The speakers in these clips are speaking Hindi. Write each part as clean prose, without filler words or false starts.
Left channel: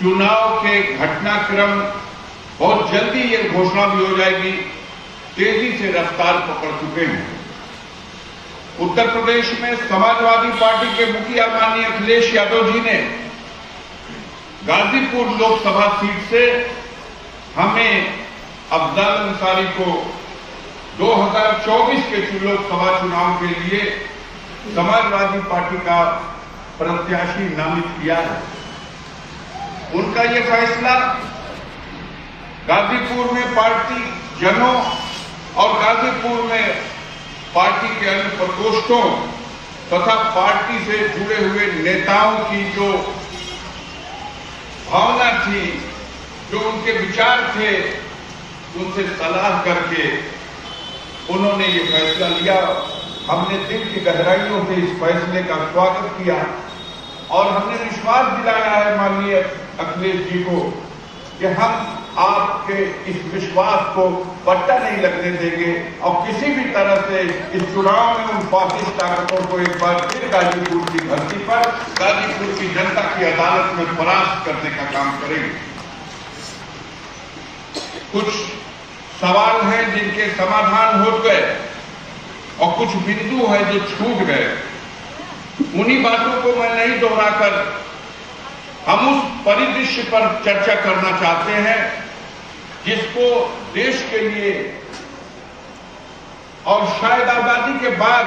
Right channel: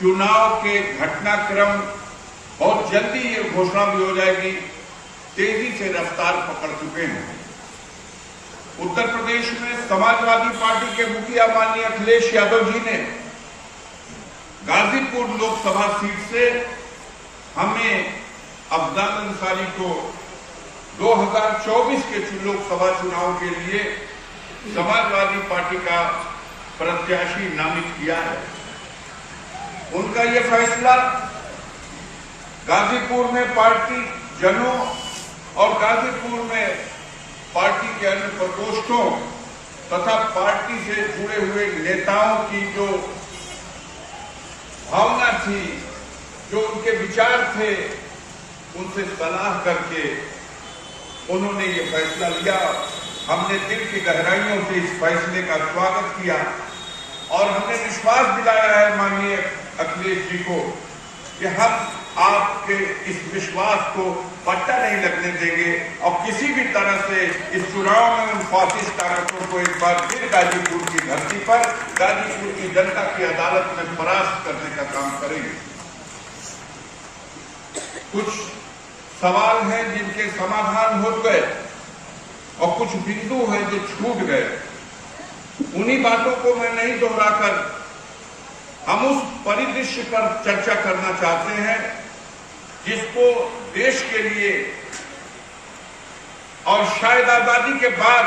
चुनाव के घटनाक्रम बहुत जल्दी ये घोषणा भी हो जाएगी, तेजी से रफ्तार पकड़ चुके हैं। उत्तर प्रदेश में समाजवादी पार्टी के मुखिया माननीय अखिलेश यादव जी ने गाजीपुर लोकसभा सीट से हमें अफजल अंसारी को 2024 के लोकसभा चुनाव के लिए समाजवादी पार्टी का प्रत्याशी नामित किया है। उनका यह फैसला गाजीपुर में पार्टी जनों और गाजीपुर में पार्टी के अन्य प्रकोष्ठों तथा पार्टी से जुड़े हुए नेताओं की जो भावना थी, जो उनके विचार थे, उनसे सलाह करके उन्होंने ये फैसला लिया। हमने दिल की गहराइयों से इस फैसले का स्वागत किया और हमने विश्वास दिलाया है माननीय अखिलेश जी को कि हम आपके इस विश्वास को पट्टा नहीं लगने देंगे और किसी भी तरह से इस चुनाव में उन फासिस्ट ताकतों को एक बार फिर गाजीपुर की धरती पर गाजीपुर की जनता की अदालत में परास्त करने का काम करेंगे। कुछ सवाल हैं जिनके समाधान हो गए और कुछ बिंदु हैं जो छूट गए। उन्हीं बातों को मैं नहीं दोहराकर हम उस परिदृश्य पर चर्चा करना चाहते हैं जिसको देश के लिए और शायद आजादी के बाद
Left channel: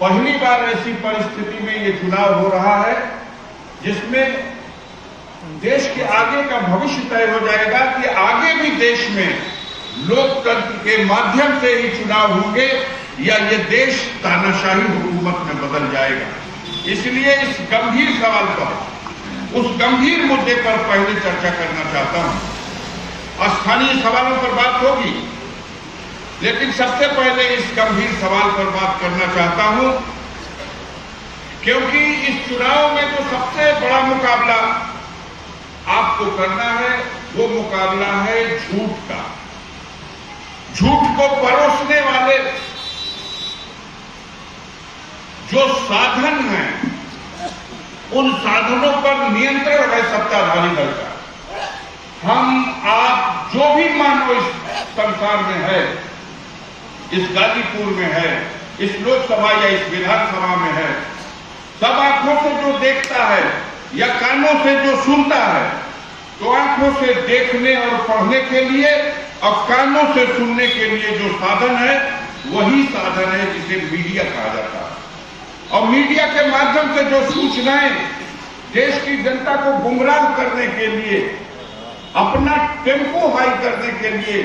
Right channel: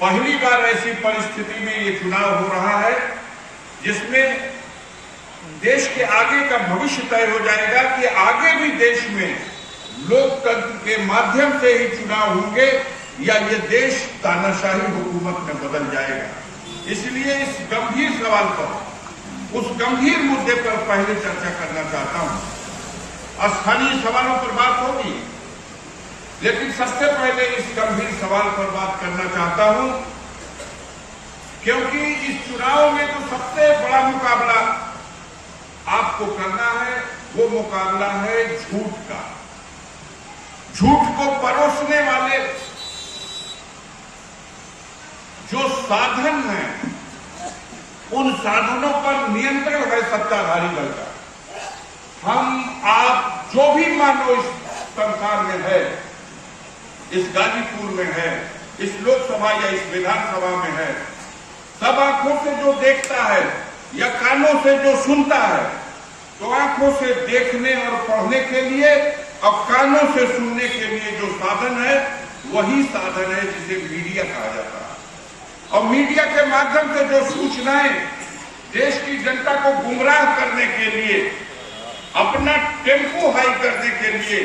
पहली बार ऐसी परिस्थिति में ये चुनाव हो रहा है जिसमें देश के आगे का भविष्य तय हो जाएगा कि आगे भी देश में लोकतंत्र के माध्यम से ही चुनाव होंगे या ये देश तानाशाही हुकूमत में बदल जाएगा। इसलिए इस गंभीर सवाल पर, उस गंभीर मुद्दे पर पहले चर्चा करना चाहता हूं। स्थानीय सवालों पर बात होगी, लेकिन सबसे पहले इस गंभीर सवाल पर बात करना चाहता हूं क्योंकि इस चुनाव में तो सबसे बड़ा मुकाबला आपको करना है, वो मुकाबला है झूठ का। झूठ को परोसने वाले जो साधन हैं, उन साधनों पर नियंत्रण है सत्ताधारी दल का। हम आप जो भी मानो इस संसार में है, इस गाजीपुर में है, इस लोकसभा या इस विधानसभा में है, सब आंखों से जो देखता है या कानों से जो सुनता है, तो आंखों से देखने और पढ़ने के लिए और कानों से सुनने के लिए जो साधन है, वही साधन है जिसे मीडिया कहा जाता है। और मीडिया के माध्यम से जो सूचनाएं देश की जनता को गुमराह करने के लिए, अपना टेम्पो हाई करने के लिए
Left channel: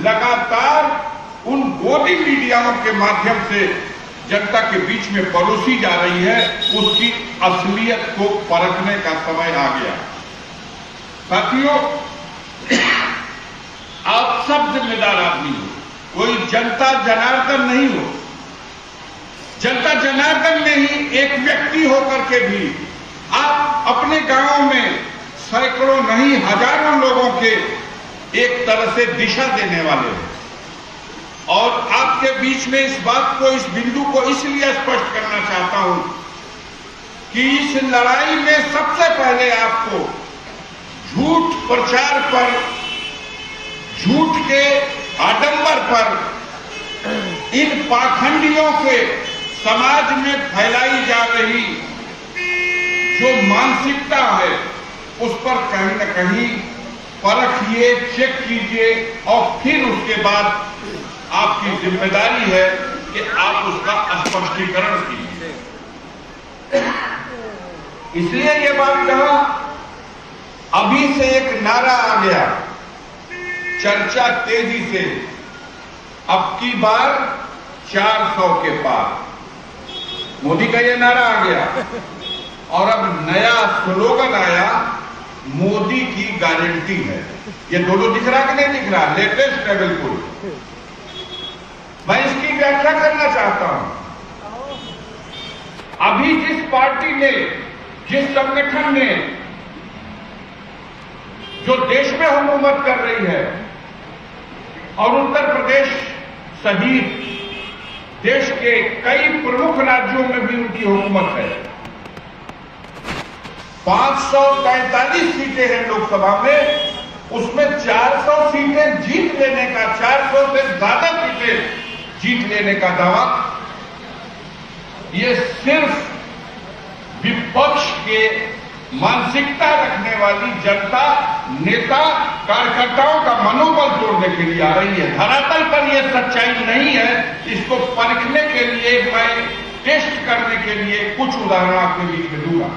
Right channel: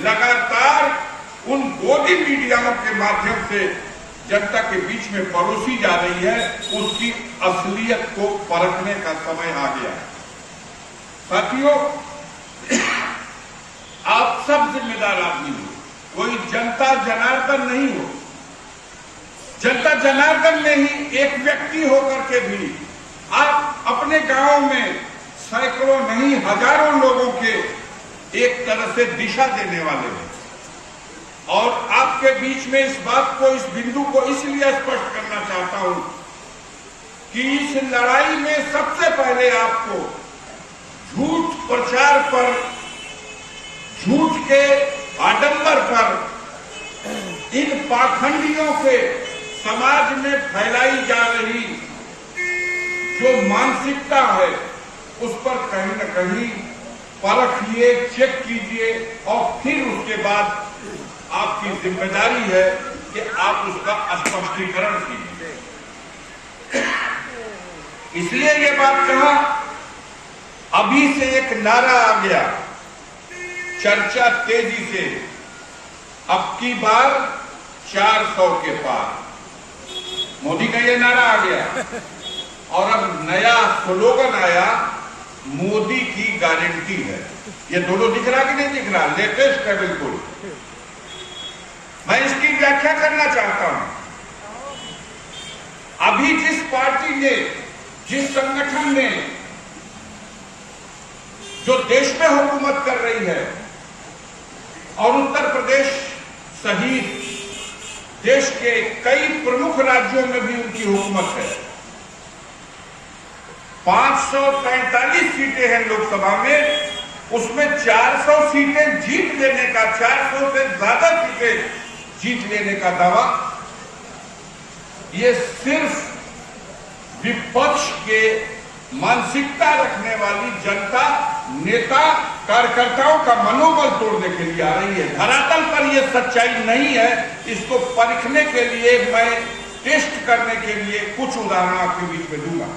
लगातार उन गोदी मीडियाओं के माध्यम से जनता के बीच में परोसी जा रही है, उसकी असलियत को परखने का समय आ गया। साथियों, आप सब जिम्मेदार आदमी हो, कोई जनता जनार्दन नहीं हो। जनता जनार्दन में ही एक व्यक्ति होकर के भी आप अपने गांव में सैकड़ों नहीं हजारों लोगों के एक तरह से दिशा देने वाले हैं। और आपके बीच में इस बात को, इस बिंदु को इसलिए स्पष्ट करना चाहता हूं कि इस लड़ाई में सबसे पहले आपको झूठ प्रचार पर, झूठ के आडंबर पर, इन पाखंडियों के समाज में फैलाई जा रही जो मानसिकता है, उस पर कहीं न कहीं परखिए, चेक कीजिए और फिर उसके बाद आपकी जिम्मेदारी है कि आप उसका स्पष्टीकरण कीजिए। इसलिए ये बात कहा, अभी से एक नारा आ गया, चर्चा तेजी से, अब की बार 400 के पार। मोदी का ये नारा आ गया और अब नया स्लोगन आया, मोदी की गारंटी है। ये दोनों दिख रहा कि नहीं दिख रहा? लेटेस्ट है बिल्कुल। मैं इसकी व्याख्या करना चाहता हूं। अभी जिस पार्टी ने, जिस संगठन ने जो देश में हुकूमत कर रही है और उत्तर प्रदेश सहित देश के कई प्रमुख राज्यों में भी उनकी हुकूमत है, 543 सीटें हैं लोकसभा में, उसमें 400 सीटें जीत लेने का, 400 से ज्यादा सीटें जीत लेने का दावा ये सिर्फ विपक्ष के मानसिकता रखने वाली जनता, नेता, कार्यकर्ताओं का मनोबल तोड़ने के लिए आ रही है। धरातल पर यह सच्चाई नहीं है। इसको परखने के लिए मैं टेस्ट करने के लिए कुछ उदाहरण आपके बीच में दूंगा।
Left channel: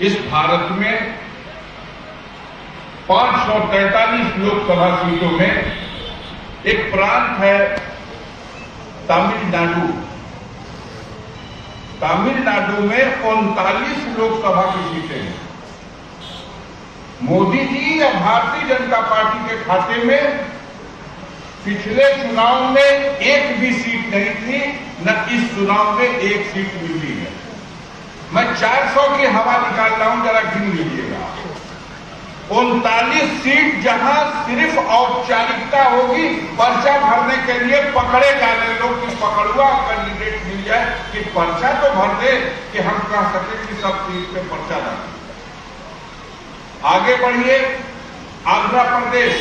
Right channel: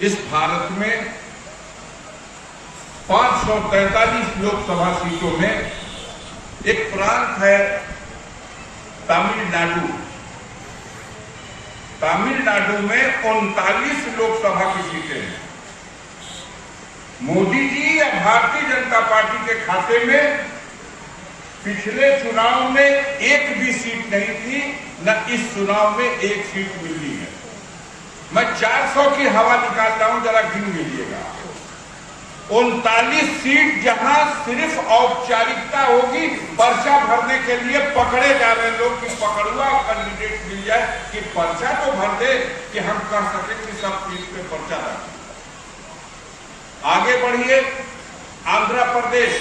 इस भारत में 543 लोकसभा सीटों में एक प्रांत है तमिलनाडु। तमिलनाडु में 39 लोकसभा की सीटें हैं। मोदी जी या भारतीय जनता पार्टी के खाते में पिछले चुनाव में एक भी सीट नहीं थी, न इस चुनाव में एक सीट मिली है। मैं 400 की हवा निकाल रहा हूं, जरा गिन लीजिएगा। 39 सीट जहां सिर्फ औपचारिकता होगी, पर्चा भरने के लिए पकड़े जाने लोग की पकड़ुआ कैंडिडेट मिल जाए कि पर्चा तो भर दे कि हम कह सके कि सब सीट पे पर्चा डालें। आगे बढ़िए, आंध्र प्रदेश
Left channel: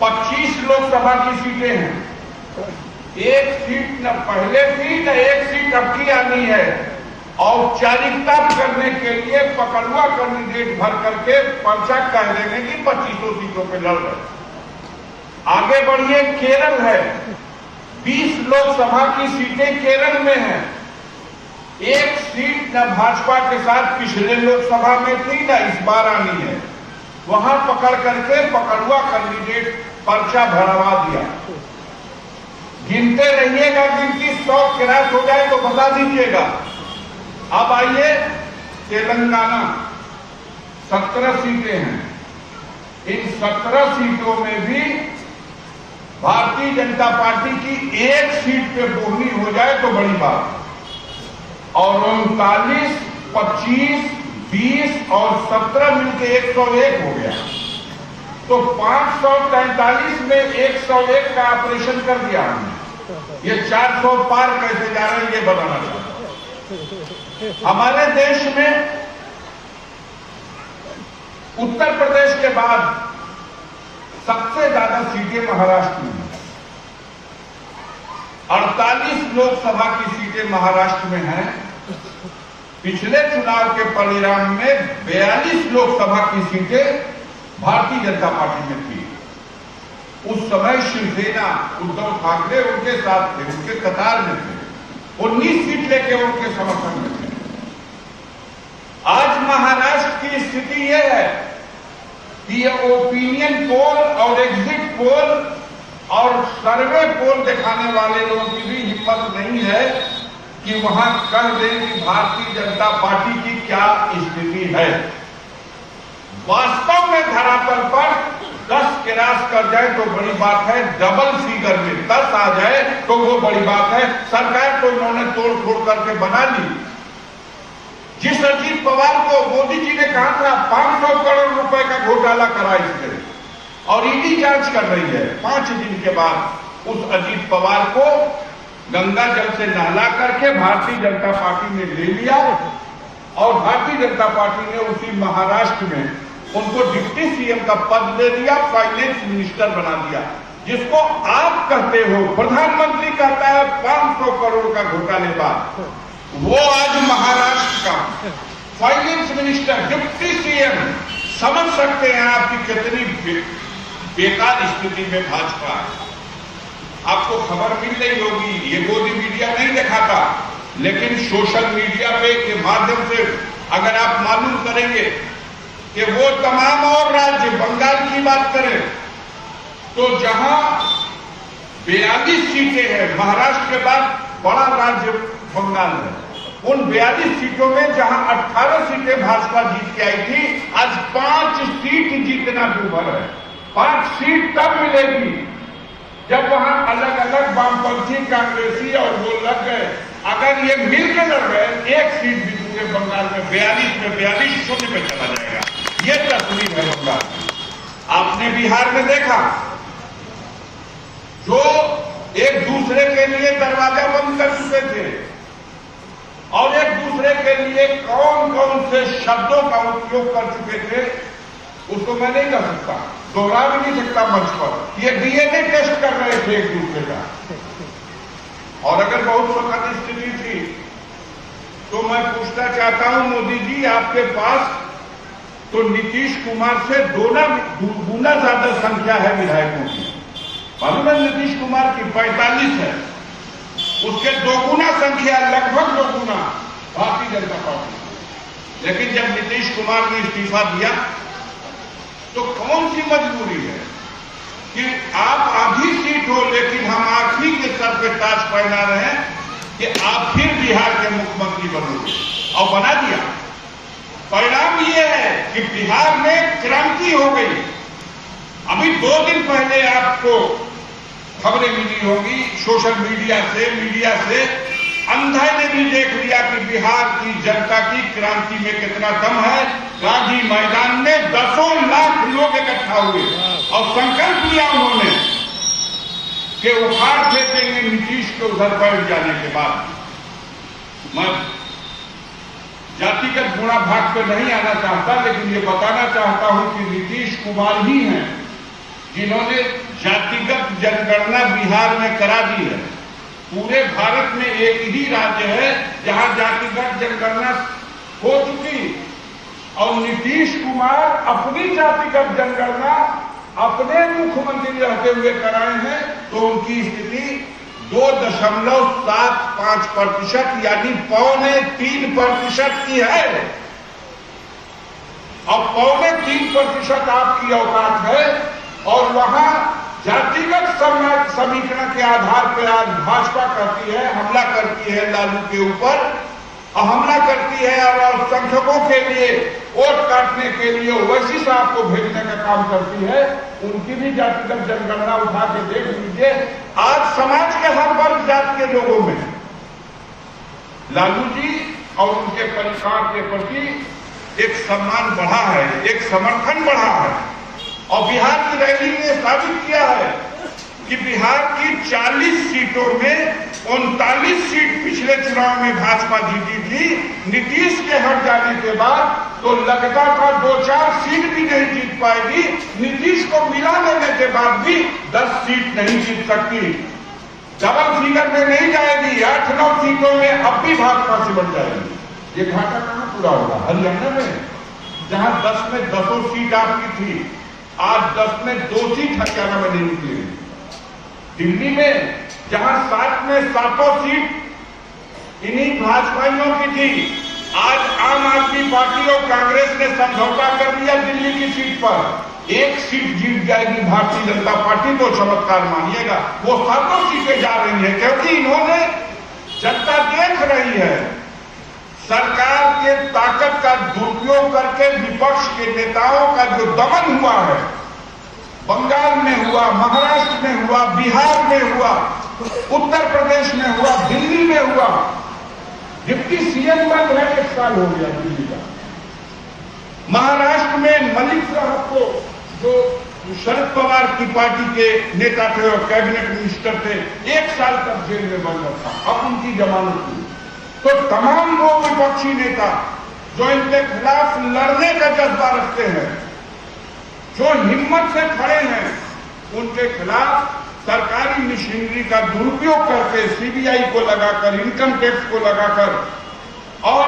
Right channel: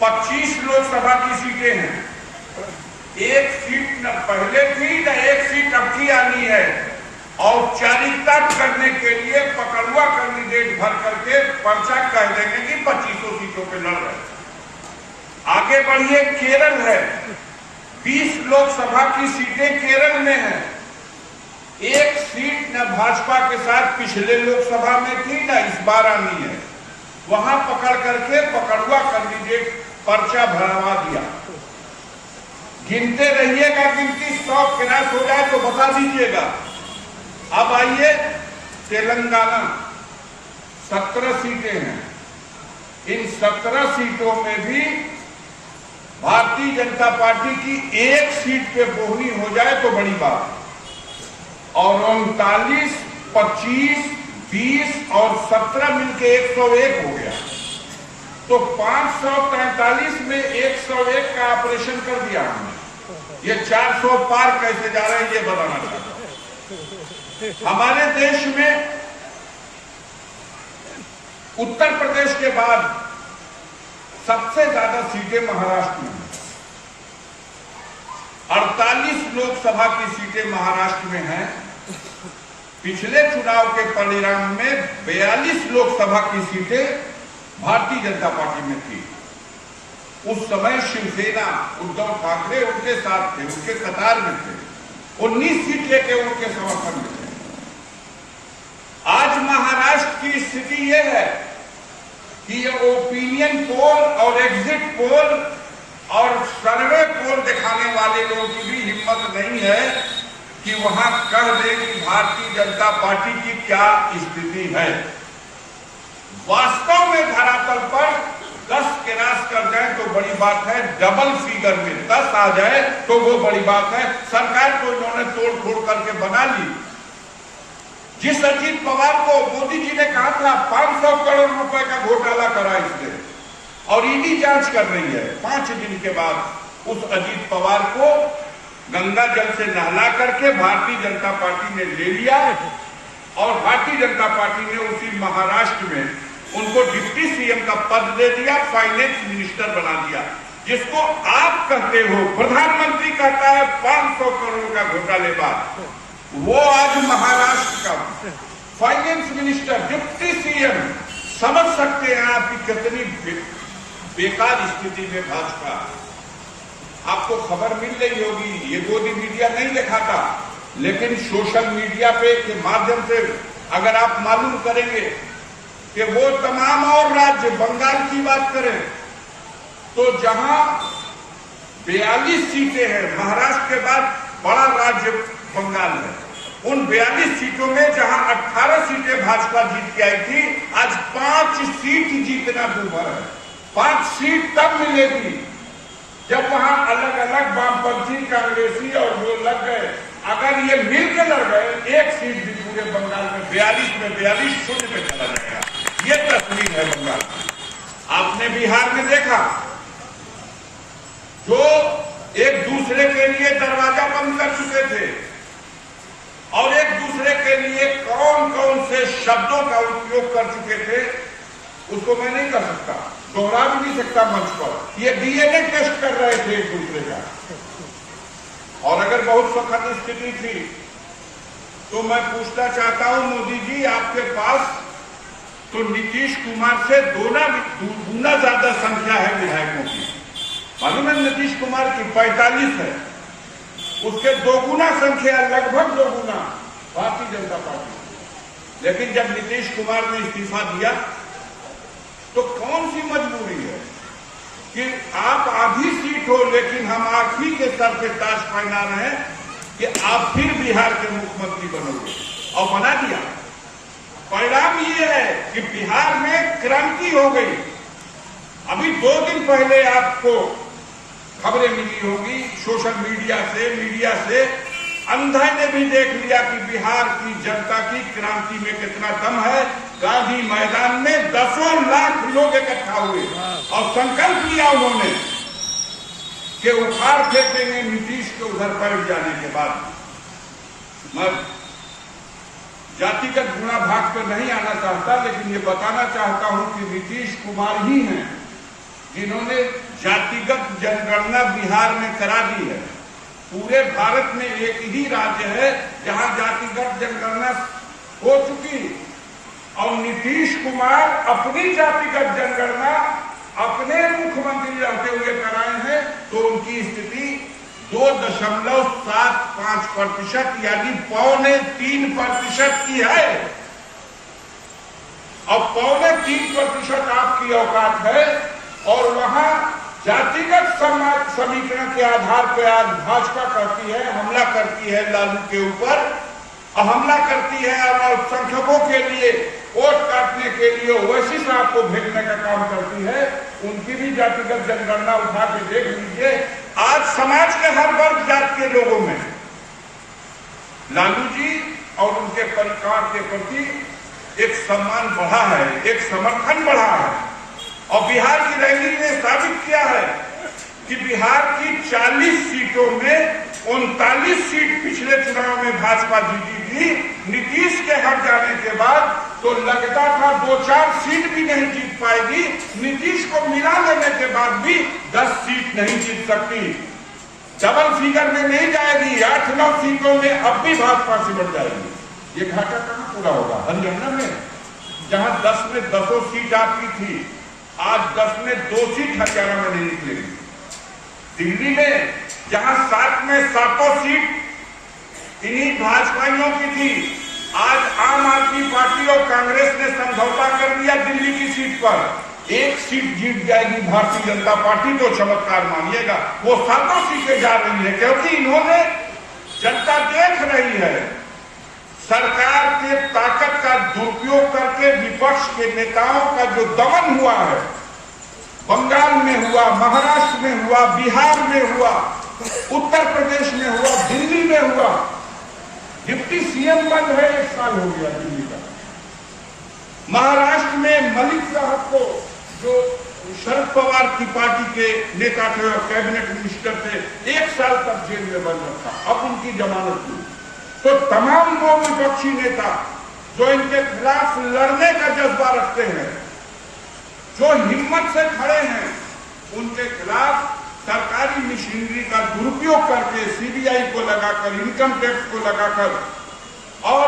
25 लोकसभा की सीटें हैं। एक सीट न पहले थी, न एक सीट अब की आनी है। औपचारिकता करने के लिए पकड़ुआ कैंडिडेट भर करके पर्चा कह देंगे कि 25 सीटों पे लड़ रहे। आगे बढ़िए, केरल है, 20 लोकसभा की सीटें केरल में हैं। एक सीट न भाजपा के साथ पिछले लोकसभा में थी, न इस बार आनी है। वहां पकड़ करके पकड़ुआ कैंडिडेट पर्चा भरवा दिया। गिनते रहिएगा, गिनती 100 क्रॉस हो जाए तो बता दीजिएगा। अब आइए तेलंगाना, 17 सीटें हैं। इन 17 सीटों में भी भारतीय जनता पार्टी की एक सीट पे बोहनी हो जाए तो बड़ी बात। और 39, 25, 20 और 17 मिलके 101 हो गया। तो 543 में 101 का ऑपरेशन कर दिया हमने। ये 400 पार कैसे जा रहे हैं ये बताना चाहता हूं। हमारे देश में उत्तर प्रदेश के बाद सबसे ज्यादा सीटें महाराष्ट्र में हैं। 48 लोकसभा की सीटें महाराष्ट्र में हैं। पिछले चुनाव के परिणाम में 42 लोकसभा की सीटें भारतीय जनता पार्टी में थी। उस समय शिवसेना, उद्धव ठाकरे उनके साथ थे, उनके कतार में थे। 19 सीट लेके उनके समर्थन में थे। आज महाराष्ट्र की स्थिति यह है कि ये ओपिनियन पोल और एग्जिट पोल और सर्वे पोल दिखाने वाले लोगों की भी हिम्मत नहीं है कि वहां कह दें कि भारतीय जनता पार्टी की क्या स्थिति है। वास्तव में धरातल पर 10 क्रॉस कर जाए तो बड़ी बात है, डबल फिगर में 10 आ जाए तो वो बड़ी बात है। सरकार तो उन्होंने तोड़ फोड़ करके बना ली। जिस अजीत पवार को मोदी जी ने कहा था 500 करोड़ रुपए का घोटाला करा इसने, और ईडी जांच कर रही है, 5 दिन के बाद उस अजीत पवार को गंगा जल से नहला करके भारतीय जनता पार्टी ने ले लिया। और भारतीय जनता पार्टी ने उसी महाराष्ट्र में उनको डिप्टी सीएम का पद दे दिया, फाइनेंस मिनिस्टर बना दिया। जिसको आप कहते हो, प्रधानमंत्री कहता है 500 करोड़ का घोटालेबाज, वो आज महाराष्ट्र का फाइनेंस मिनिस्टर, डिप्टी सीएम। समझ सकते हैं आपकी कितनी बेकार स्थिति में भाजपा है। आपको खबर मिल रही होगी, ये मोदी मीडिया नहीं दिखाता, लेकिन सोशल मीडिया पे के माध्यम से अगर आप मालूम करेंगे कि वो तमाम और राज्य, बंगाल की बात करें तो जहां 42 सीटें हैं, महाराष्ट्र के बाद बड़ा राज्य बंगाल है, उन 42 सीटों में जहां 18 सीटें भाजपा जीत के आई थी, आज 5 सीट जीतना दूभर है। 5 सीट तब मिलेगी जब वहां अलग अलग वामपंथी, कांग्रेसी और वो लग गए। अगर ये मिल के लड़ गए, एक सीट जीतूंगे बंगाल में, 42 में 42 शून्य पे चला जाएगा। ये तस्वीर है बंगाल में। आपने बिहार में देखा, जो एक दूसरे के लिए दरवाजा बंद कर चुके थे, और एक दूसरे के लिए कौन कौन से शब्दों का उपयोग कर चुके थे उसको मैं नहीं कर सकता, दोहरा भी नहीं सकता मंच पर। ये डीएनए टेस्ट कर रहे थे एक दूसरे का। और अगर बहुत सुखद स्थिति थी तो मैं पूछना चाहता हूं मोदी जी, आपके पास तो नीतीश कुमार से गुना ज्यादा संख्या है विधायकों की। मालूम है नीतीश कुमार की 45 है, उसके दोगुना संख्या, लगभग दोगुना भारतीय जनता पार्टी। लेकिन जब नीतीश कुमार ने इस्तीफा दिया तो कौन सी मजबूरी है कि आप आधी सीट हो लेकिन हम आप ही के सर पे ताज पहना रहे हैं कि आप फिर बिहार के मुख्यमंत्री बनोगे, और बना दिया। परिणाम ये है कि बिहार में क्रांति हो गई। अभी 2 दिन पहले आपको खबरें मिली होगी सोशल मीडिया से अंधा ने भी देख लिया कि बिहार की जनता की क्रांति में कितना दम है। गांधी मैदान में 10 लाख लोग इकट्ठा हुए और संकल्प लिया उन्होंने कि उखाड़ फेंकेंगे नीतीश को उधर बैठ जाने के बाद। मैं जातिगत गुणा भाग पर नहीं आना चाहता, लेकिन ये बताना चाहता हूं कि नीतीश कुमार ही हैं जिन्होंने जातिगत जनगणना बिहार में करा दी है। पूरे भारत में एक ही राज्य है जहां जातिगत जनगणना हो चुकी, और नीतीश कुमार अपनी जातिगत जनगणना अपने मुख्यमंत्री रहते हुए कराए हैं। तो उनकी स्थिति 2.75% यानी 2.25% की है, और 2.25% आपकी औकात है। और वहां जातिगत समीकरण के आधार पर आज भाजपा करती है, हमला करती है लालू के ऊपर, और हमला करती है और अल्पसंख्यकों के लिए वोट काटने के लिए ओवैसी साहब को भेजने का काम करती है। उनकी भी जातिगत जनगणना उठा के देख लीजिए। आज समाज के हर वर्ग जात के लोगों में लालू जी और उनके परिवार के प्रति एक सम्मान बढ़ा है, एक समर्थन बढ़ा है। और बिहार की रैली ने साबित किया है कि बिहार की 40 सीटों में 39 सीट पिछले चुनाव में भाजपा जीती थी। नीतीश के हट जाने के बाद तो लगता था 2-4 सीट भी नहीं जीत पाएगी। नीतीश को मिला लेने के बाद भी 10 सीट नहीं जीत सकती, डबल फिगर में नहीं जाएगी। 8-9 सीटों में अब भी भाजपा से बढ़ जाएगी। ये घाटा कहां पूरा होगा? हरियाणा में, जहां 10 में 10 सीट आपकी थी, आज 10 में 2 सीट हरियाणा में नहीं निकलेगी। दिल्ली में जहां 7 में 7 सीट इन्हीं भाजपाइयों की थी, आज आम आदमी पार्टी और कांग्रेस ने समझौता कर दिया दिल्ली की सीट पर। 1 सीट जीत जाएगी भारतीय जनता पार्टी, तो चमत्कार मानिएगा। वो 7 सीटें जा रही है क्योंकि इन्होंने, जनता देख रही है सरकार के ताकत का दुरुपयोग करके विपक्ष के नेताओं का जो दमन हुआ है, बंगाल में हुआ, महाराष्ट्र में हुआ, बिहार में हुआ, उत्तर प्रदेश में हुआ, दिल्ली में हुआ। डिप्टी सीएम बंद है, 1 साल हो गया दिल्ली का। महाराष्ट्र में मलिक साहब को, जो शरद पवार की पार्टी के नेता थे और कैबिनेट मिनिस्टर थे, 1 साल तक जेल में बंद रखा, अब उनकी जमानत हुई। तो तमाम वो विपक्षी नेता जो इनके खिलाफ लड़ने का जज्बा रखते हैं, जो हिम्मत से खड़े हैं, उनके खिलाफ सरकारी मशीनरी का दुरुपयोग करके सीबीआई को लगाकर, इनकम टैक्स को लगाकर और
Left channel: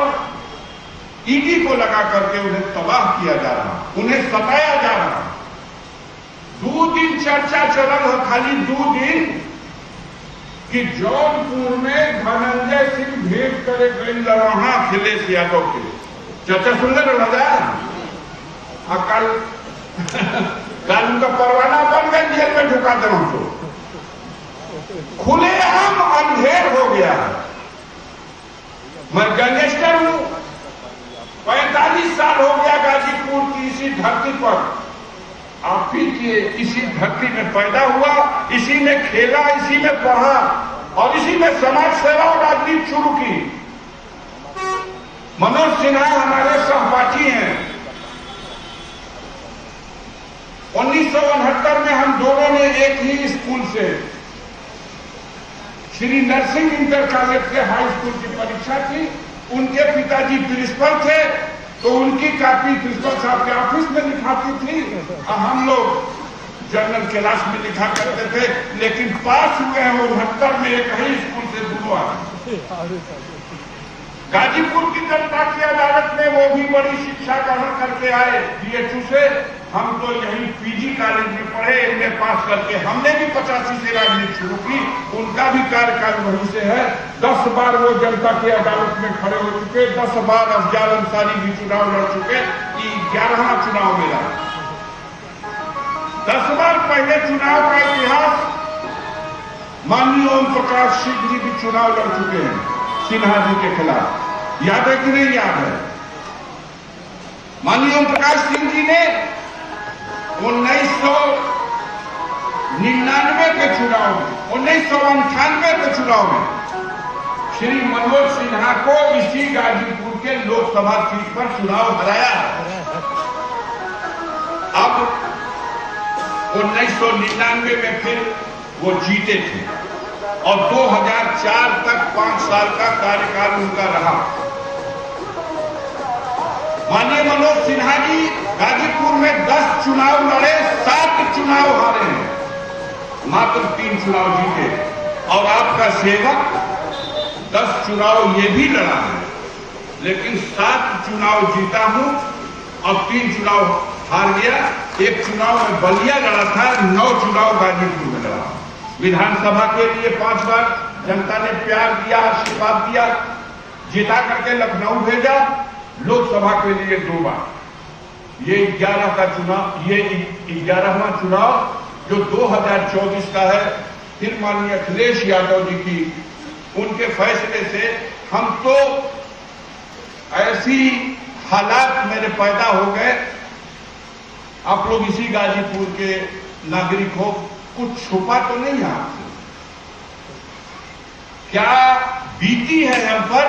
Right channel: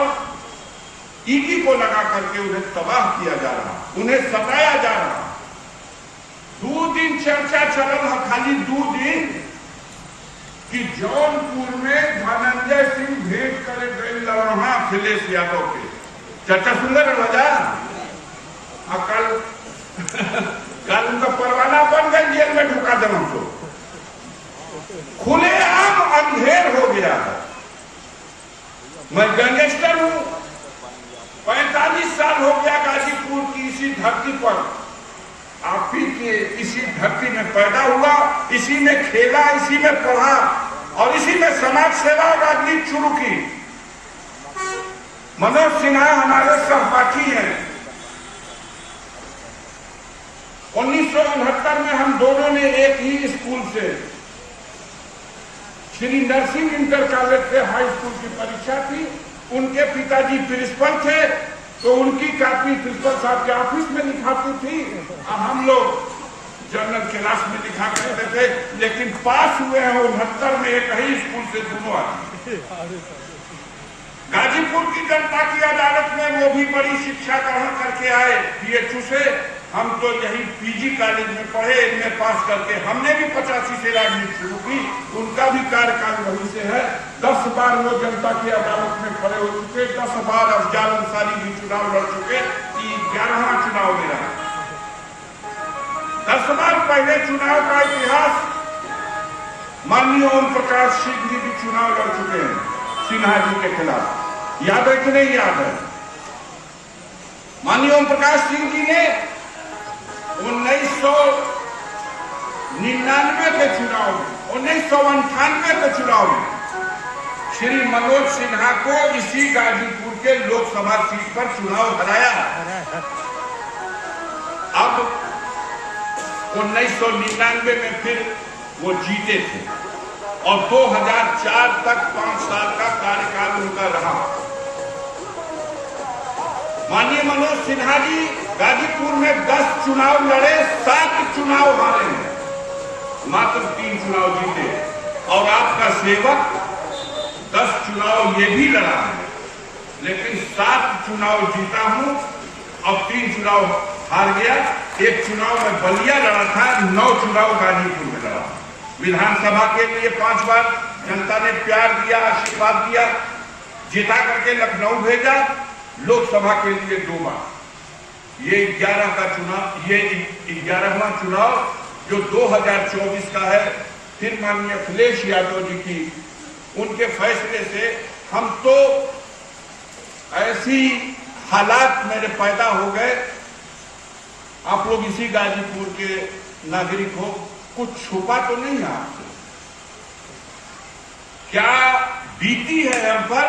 ईडी को लगा करके उन्हें तबाह किया जा रहा, उन्हें सताया जा रहा। 2 दिन चर्चा चल रहा, खाली 2 दिन, कि जौनपुर में धनंजय सिंह भेंट करे गई लड़ाहा अखिलेश यादव के। चर्चा सुन ले राजा, कल उनका परवाना बन गया, जेल में ढुका दे उनको। खुलेआम अंधेर हो गया। मैं गैंगस्टर हूं, 45 साल हो गया गाजीपुर की इसी धरती पर, आप ही के इसी धरती में पैदा हुआ, इसी में खेला, इसी में पढ़ा और इसी में समाज सेवा और राजनीति शुरू की। मनोज सिन्हा हमारे सहपाठी हैं। 1969 में हम दोनों ने एक ही स्कूल से, श्री नरसिंह इंटर कॉलेज से हाई स्कूल की परीक्षा की उनके पिताजी प्रिंसिपल थे तो उनकी कॉपी प्रिंसिपल साहब के ऑफिस में लिखाती थी, हम लोग जनरल क्लास में लिखा करते थे। लेकिन पास हुए हैं 69 में एक ही स्कूल से दोनों आदमी। गाजीपुर की जनता की अदालत में वो भी बड़ी शिक्षा ग्रहण करके आए BHU से। हम तो यही PG कॉलेज में पढ़े, एमए पास करके। हमने भी 85 से राजनीति शुरू की, उनका भी कार्यकाल वहीं से है। 10 बार वो जनता की अदालत में खड़े हो चुके, 10 बार अफजाल अंसारी भी चुनाव लड़ चुके, 11वां चुनाव में रहा। 10 बार पहले चुनाव का इतिहास माननीय ओम प्रकाश सिंह जी भी चुनाव लड़ चुके हैं सिन्हा जी के खिलाफ। याद है कि नहीं याद है? माननीय ओम प्रकाश सिंह जी ने 1999 के चुनाव में, 1998 के चुनाव में श्री मनोज सिन्हा को इसी गाजीपुर के लोकसभा सीट पर चुनाव हराया। अब 1999 में फिर वो जीते थे और 2004 तक 5 साल का कार्यकाल उनका रहा। माननीय मनोज सिन्हा जी गाजीपुर में 10 चुनाव लड़े, 7 चुनाव हारे हैं, मात्र 3 चुनाव जीते। और आपका सेवक 10 चुनाव ये भी लड़ा है, लेकिन 7 चुनाव जीता हूं और 3 चुनाव हार गया। एक चुनाव में बलिया लड़ा था, 9 चुनाव गाजीपुर में लड़ा। विधानसभा के लिए 5 बार जनता ने प्यार दिया, आशीर्वाद दिया, जिता करके लखनऊ भेजा। लोकसभा के लिए 2 बार। ये 11 का चुनाव, ये 11वां चुनाव जो 2024 का है। फिर माननीय अखिलेश यादव जी की उनके फैसले से हम तो ऐसी हालात मेरे पैदा हो गए। आप लोग इसी गाजीपुर के नागरिक हो, कुछ छुपा तो नहीं है आपसे? क्या बीती है हम पर